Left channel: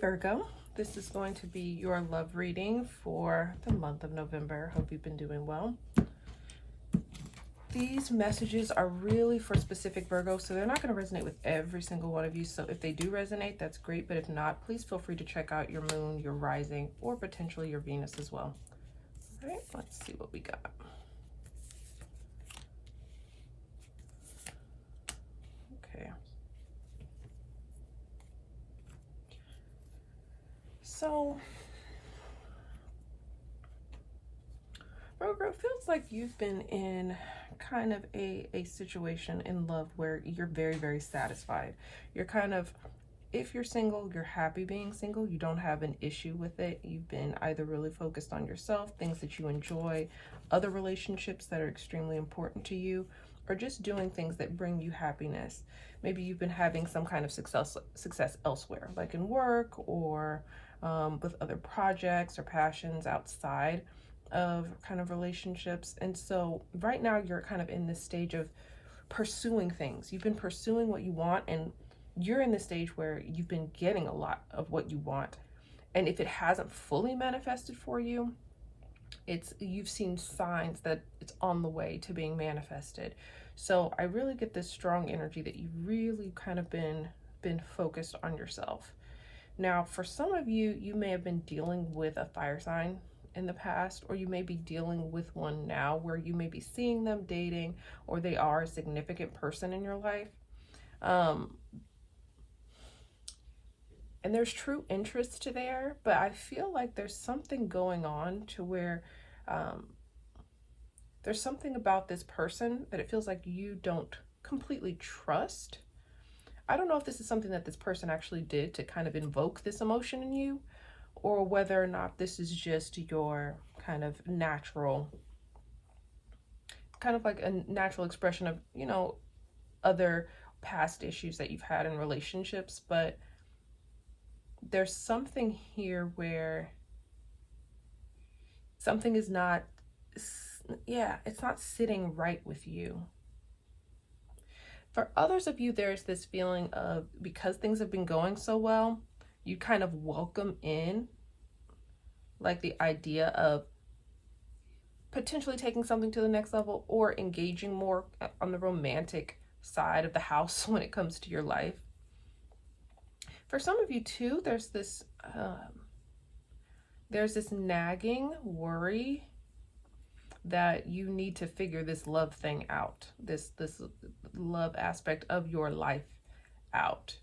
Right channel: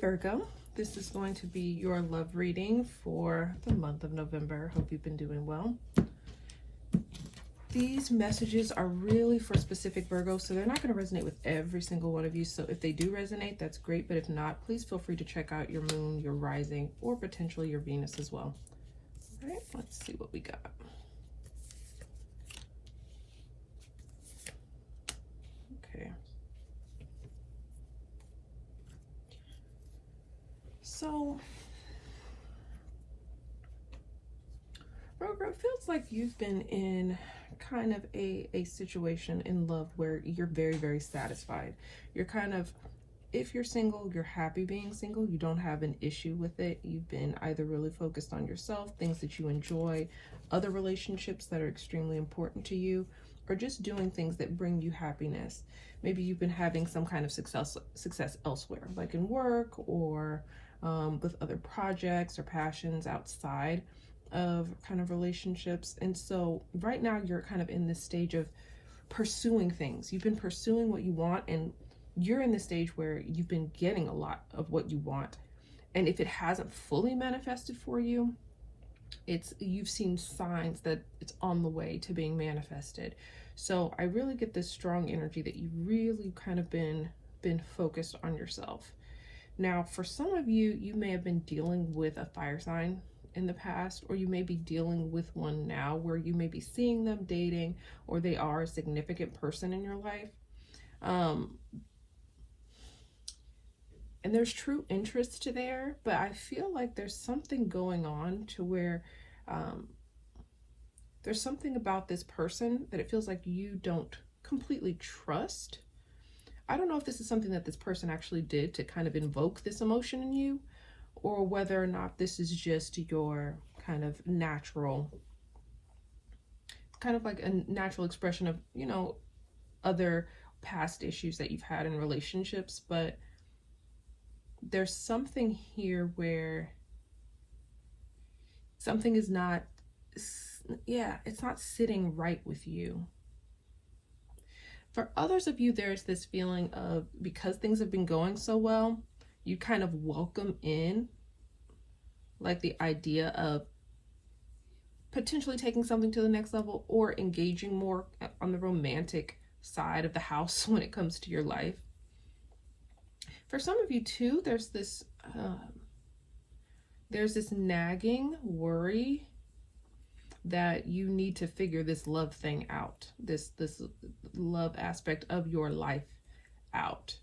Virgo, this is going to be your love reading for the month of November. Hope you've been doing well. These messages are really for specific Virgos, so they're not going to resonate with every single one of you. So if they do resonate, that's great. But if not, please feel free to check out your moon, your rising, or potentially your Venus as well. All right, let's see what we got. Okay. So, Virgo, it feels like you've been in kind of a situation in love where you're very, very satisfied. You're kind of, if you're single, you're happy being single. You don't have an issue with it. You've been either really focused on yourself, things that you enjoy, other relationships that are extremely important to you, or just doing things that bring you happiness. Maybe you've been having some kind of success elsewhere, like in work or with other projects or passions outside of kind of relationships. And so right now you're kind of in this stage of pursuing things. You've been pursuing what you want, and you're in the stage where you've been getting a lot of what you want. And if it hasn't fully manifested for you, you've seen signs that it's on the way to being manifested. So I really get this strong energy that you've really kind of been focused on yourself. Now, for some of you, you may have been dealing with a fire sign in the past, or you may be dealing with one now where you may be seeing them dating, or they are a significant person in your life. And there's true interest there, but I feel like there's something going on to where there's something about this person that it feels like you don't completely trust. I don't know if this is something that this person actually did to kind of invoke this emotion in you, or whether or not this is just your kind of natural, kind of like a natural expression of, you know, other past issues that you've had in relationships. But there's something here where something is not, it's not sitting right with you. For others of you, there's this feeling of, because things have been going so well, you kind of welcome in like the idea of potentially taking something to the next level, or engaging more on the romantic side of the house when it comes to your life. For some of you too, there's this nagging worry that you need to figure this love thing out, this love aspect of your life out.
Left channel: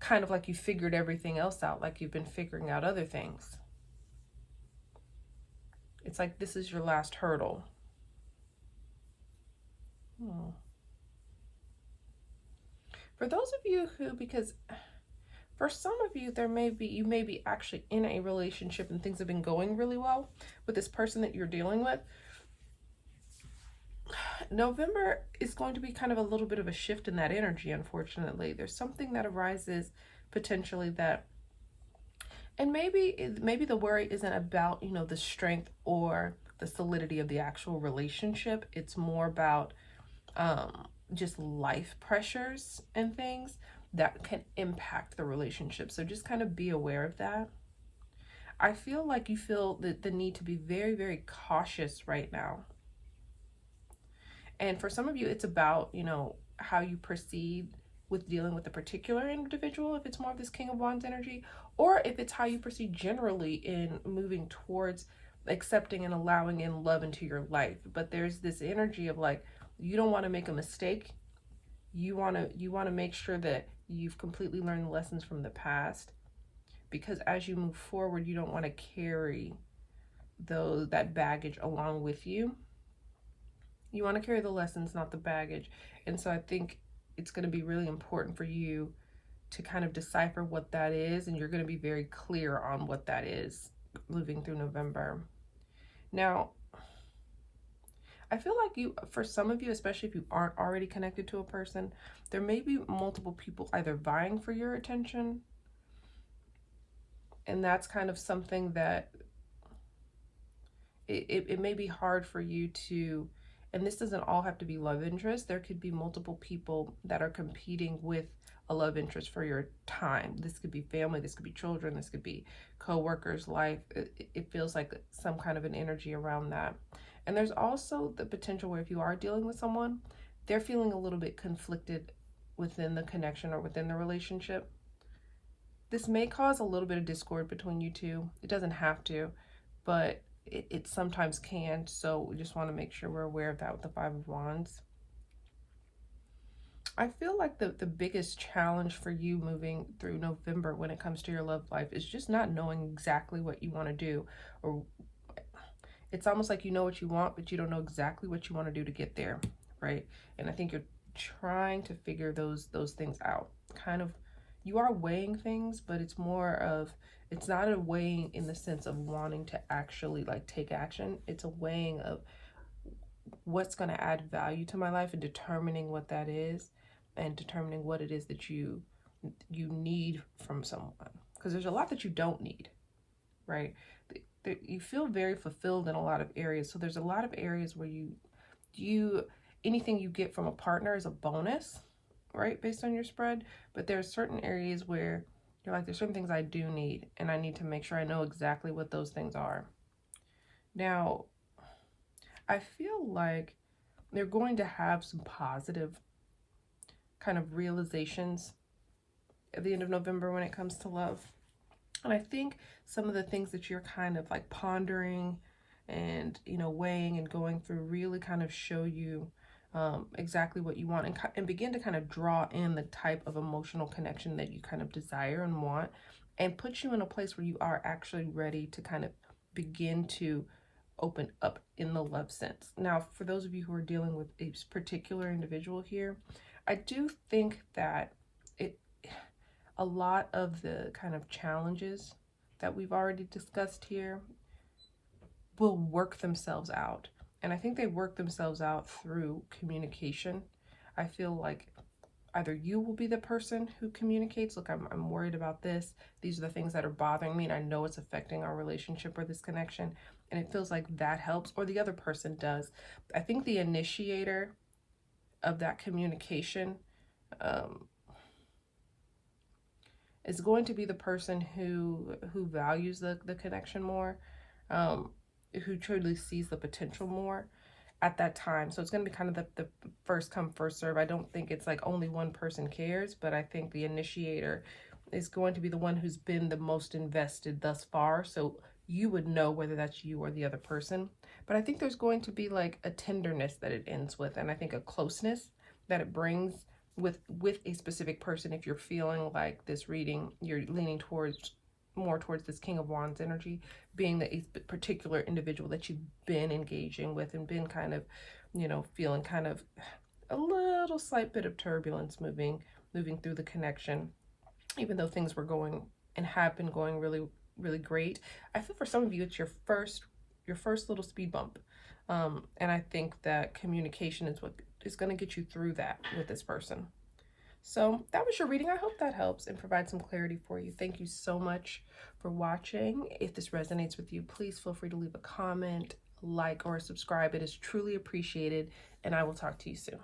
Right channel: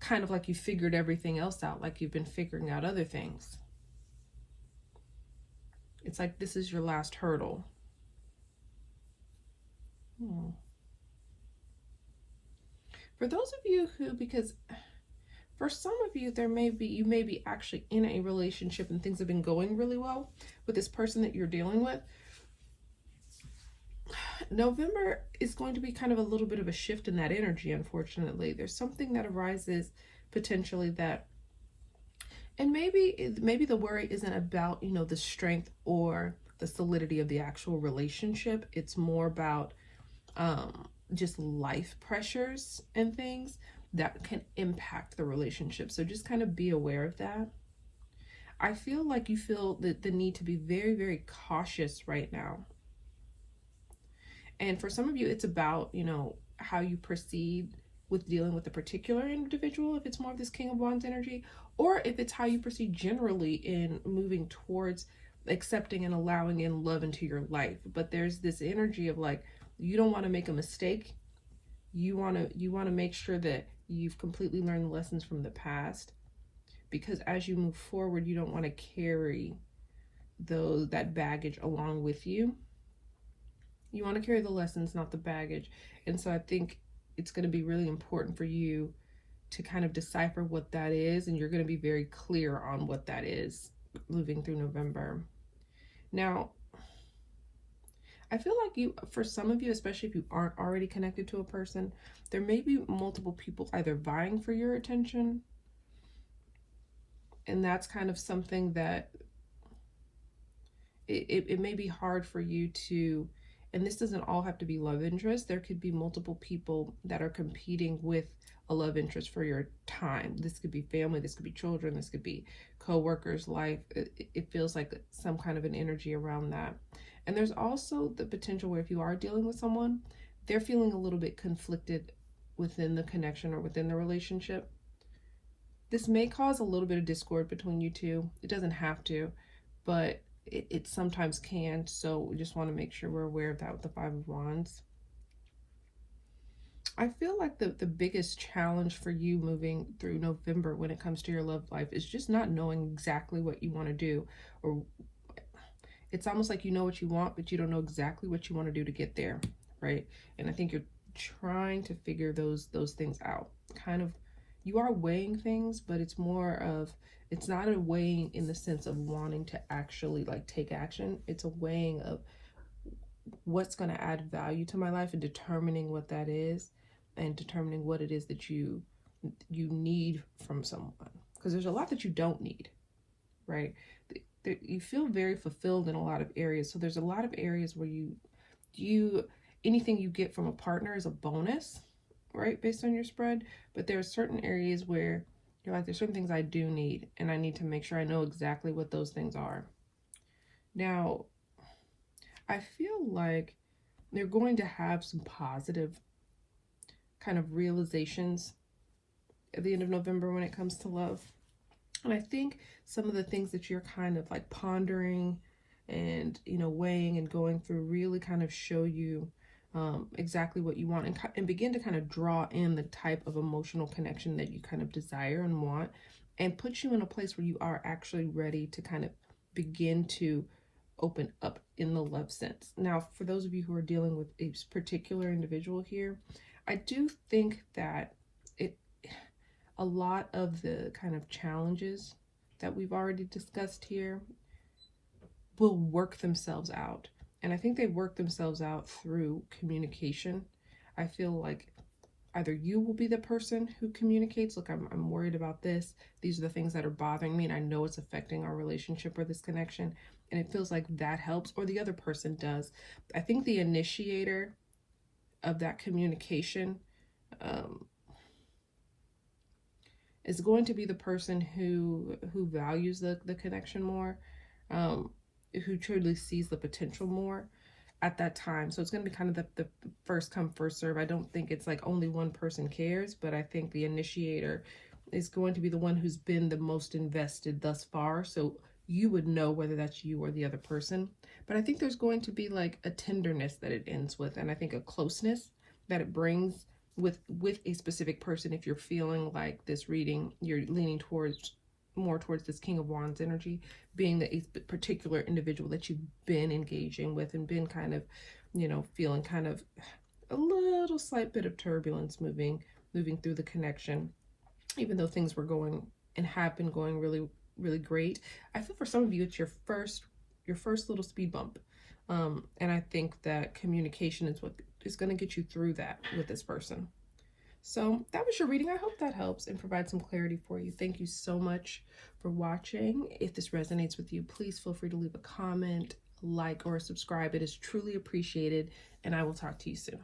Kind of like you figured everything else out, like you've been figuring out other things. It's like this is your last hurdle. For those of you who, because for some of you, you may be actually in a relationship and things have been going really well with this person that you're dealing with. November is going to be kind of a little bit of a shift in that energy, unfortunately. There's something that arises potentially that, and maybe the worry isn't about, you know, the strength or the solidity of the actual relationship. It's more about just life pressures and things that can impact the relationship. So just kind of be aware of that. I feel like you feel the need to be very, very cautious right now. And for some of you, it's about, you know, how you proceed with dealing with a particular individual, if it's more of this King of Wands energy, or if it's how you proceed generally in moving towards accepting and allowing in love into your life. But there's this energy of like, you don't want to make a mistake. You want to make sure that you've completely learned the lessons from the past, because as you move forward, you don't want to carry that baggage along with you. You want to carry the lessons, not the baggage. And so I think it's going to be really important for you to kind of decipher what that is, and you're going to be very clear on what that is moving through November. Now, I feel like for some of you, especially if you aren't already connected to a person, there may be multiple people either vying for your attention. And that's kind of something that it may be hard for you to, and this doesn't all have to be love interest. There could be multiple people that are competing with a love interest for your time. This could be family, this could be children, this could be co-workers, life. It feels like some kind of an energy around that. And there's also the potential where if you are dealing with someone, they're feeling a little bit conflicted within the connection or within the relationship. This may cause a little bit of discord between you two. It doesn't have to, but it sometimes can. So we just want to make sure we're aware of that with the Five of Wands. I feel like the biggest challenge for you moving through November when it comes to your love life is just not knowing exactly what you want to do. Or it's almost like you know what you want, but you don't know exactly what you want to do to get there, right? And I think you're trying to figure those things out. Kind of, you are weighing things, but it's more of, it's not a weighing in the sense of wanting to actually like take action. It's a weighing of what's going to add value to my life and determining what that is, and determining what it is that you need from someone, because there's a lot that you don't need, right? You feel very fulfilled in a lot of areas, so there's a lot of areas where you anything you get from a partner is a bonus, right, based on your spread. But there's certain areas where you're like, there's certain things I do need, and I need to make sure I know exactly what those things are. Now, I feel like they're going to have some positive kind of realizations at the end of November when it comes to love. And I think some of the things that you're kind of like pondering and, you know, weighing and going through really kind of show you exactly what you want, and begin to kind of draw in the type of emotional connection that you kind of desire and want, and put you in a place where you are actually ready to kind of begin to open up in the love sense. Now, for those of you who are dealing with a particular individual here, I do think that a lot of the kind of challenges that we've already discussed here will work themselves out. And I think they work themselves out through communication. I feel like either you will be the person who communicates, look, I'm worried about this. These are the things that are bothering me, and I know it's affecting our relationship or this connection. And it feels like that helps, or the other person does. I think the initiator of that communication is going to be the person who values the connection more, who truly sees the potential more at that time. So it's going to be kind of the first come, first serve. I don't think it's like only one person cares, but I think the initiator is going to be the one who's been the most invested thus far. So you would know whether that's you or the other person. But I think there's going to be like a tenderness that it ends with, and I think a closeness that it brings with a specific person. If you're feeling like this reading, you're leaning more towards this King of Wands energy, being a particular individual that you've been engaging with and been kind of, you know, feeling kind of a little slight bit of turbulence moving through the connection, even though things were going and have been going really, really great. I feel for some of you, it's your first little speed bump. And I think that communication is what is going to get you through that with this person. So that was your reading. I hope that helps and provides some clarity for you. Thank you so much for watching. If this resonates with you, please feel free to leave a comment, like, or subscribe. It is truly appreciated, and I will talk to you soon.